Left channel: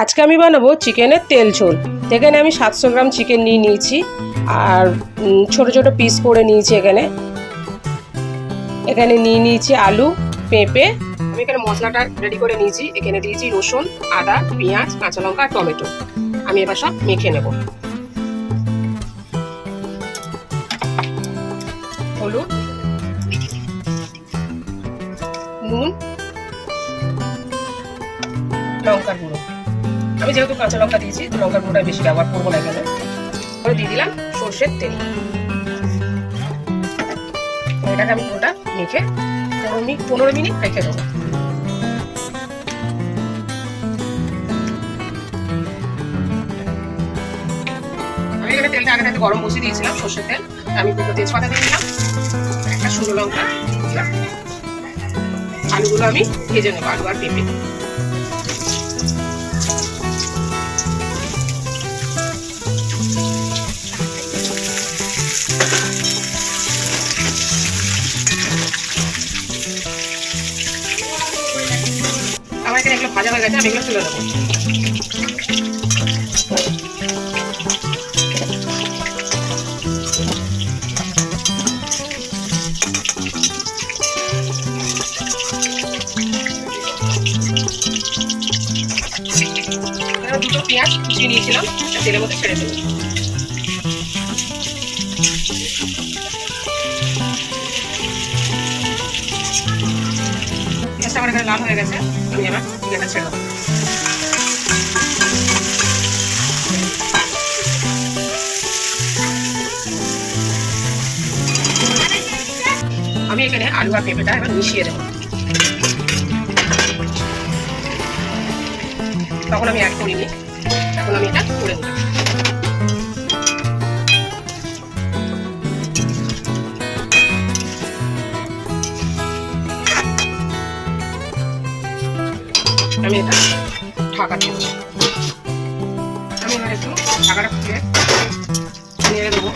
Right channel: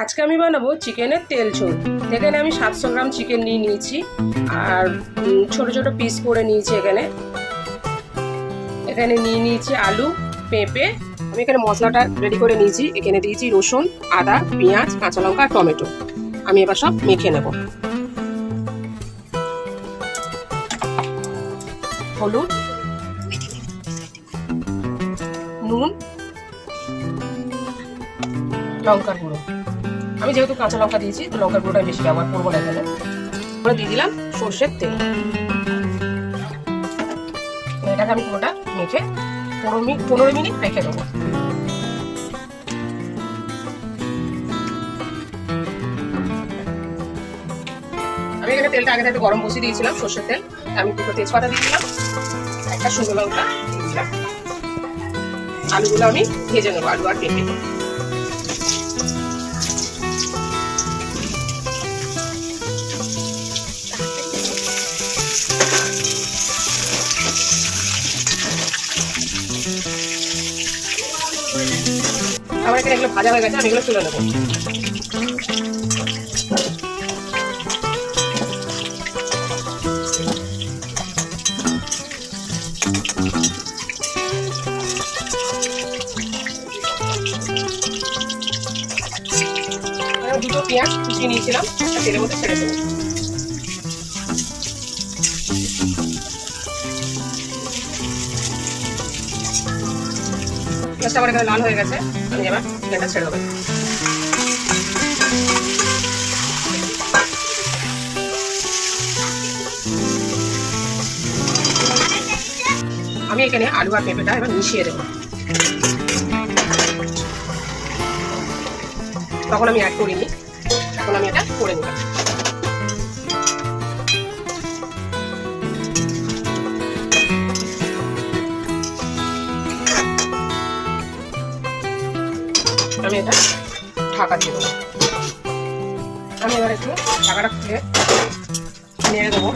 আজকে আমি বানাবো চিকেনের তেল ঝোল। এখানে আমি 700 গ্রাম চিকেন নিয়ে নিয়েছি আর ছোট ছোট পিস করে নিয়েছি। এখানে নিয়ে নিয়েছি আলু, পেঁপে। আমি এখানে মশলাটা রেডি করে নিয়েছি। এখানে দিয়েছি রসুন, আদা, পেঁয়াজ, কাঁচা লঙ্কা, টমেটো। আমি এবার সব মেখে নেব। হলুদ, নুন, লঙ্কার গুঁড়ো। আমি যেহেতু কাঁচা লঙ্কা দিয়েছি, লঙ্কার গুঁড়োটা বেশি ব্যবহার করবো না। কেন করে দিয়ে দিলাম সর্ষের তেল। এটাকে আমি পুরোটা মেখে 15 মিনিট রেখে দেবো। আমি এখানে তেলটা আগে থেকে গরম বসিয়ে দিয়েছিলাম, সর্ষের তেল। আমি দুটো তেজপাতা দিয়েছিলাম, একটা শুকনো লঙ্কা দিয়েছিলাম। আলুগুলো আমি ভেজে নেবো, আলু আর পেঁপে। আমার এখানে এগুলো ভাজা হয়ে গেছে, আমি এগুলো তুলে নেবো। দুটো পেঁয়াজ কুচিয়ে নিয়েছিলাম, তেলের মধ্যে ছেড়ে দেবো। পেঁয়াজটা আমার এখানে লাল হয়ে গেছে, আমি এবার পেঁয়াজটা ছেড়ে দেবো। আমি এখানে আলু আর পেঁপেটা এবার মিশিয়ে দেবো। তখন আমি অ্যাড করিনি, এখন আমি এটা করে দেবো। আমি এটা ঢাকা দিয়ে দেবো। আমি এবার একটু ঢাকাটা খুলে নেড়ে দেবো।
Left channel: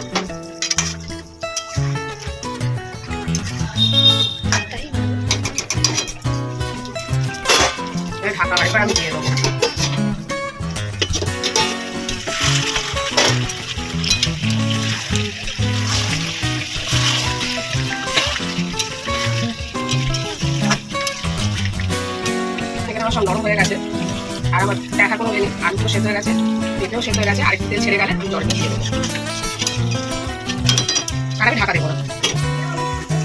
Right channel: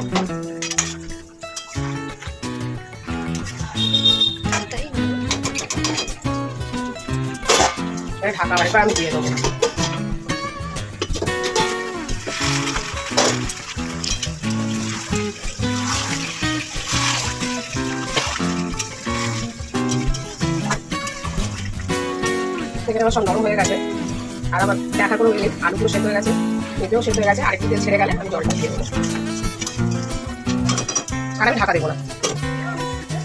ঢাকা বাড়িটা আমি দিয়ে দেবো। এখানে আমার সব নরম হয়ে গেছে, আর আমার দেখার কোনো নেই। আলুগুলো সেদ্ধ হয়ে গেছে, পেঁপেও সেদ্ধ হয়ে গেছে। আরেকটু তেল ছেড়ে গেলে আমি জলটা দিয়ে দেবো, আর আমি ঢাকা দেবো না।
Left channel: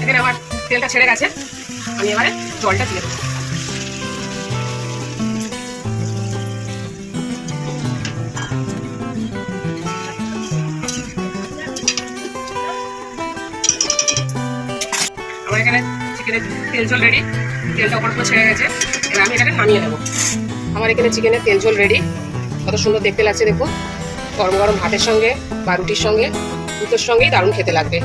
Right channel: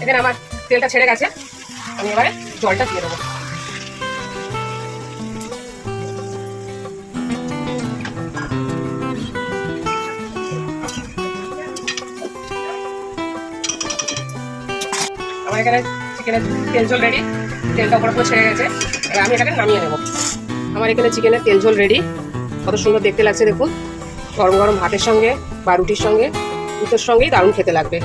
এখানে আমার তেলটা ছেড়ে গেছে, আমি এবারে জলটা দিয়ে দেবো। আমার এখানে চিকেনের তেল ঝোল রেডি, তেলটা উপর ছেড়ে গেছে। এবার আমি এটাকে নামিয়ে নেবো। আমার এখানে চিকেনের তেল ঝোল রেডি। কত সুন্দর দেখতে লাগছে দেখুন। গরম গরম ভাতের সঙ্গে বা রুটির সঙ্গে, দুটোর সঙ্গেই দারুণ খেতে লাগবে।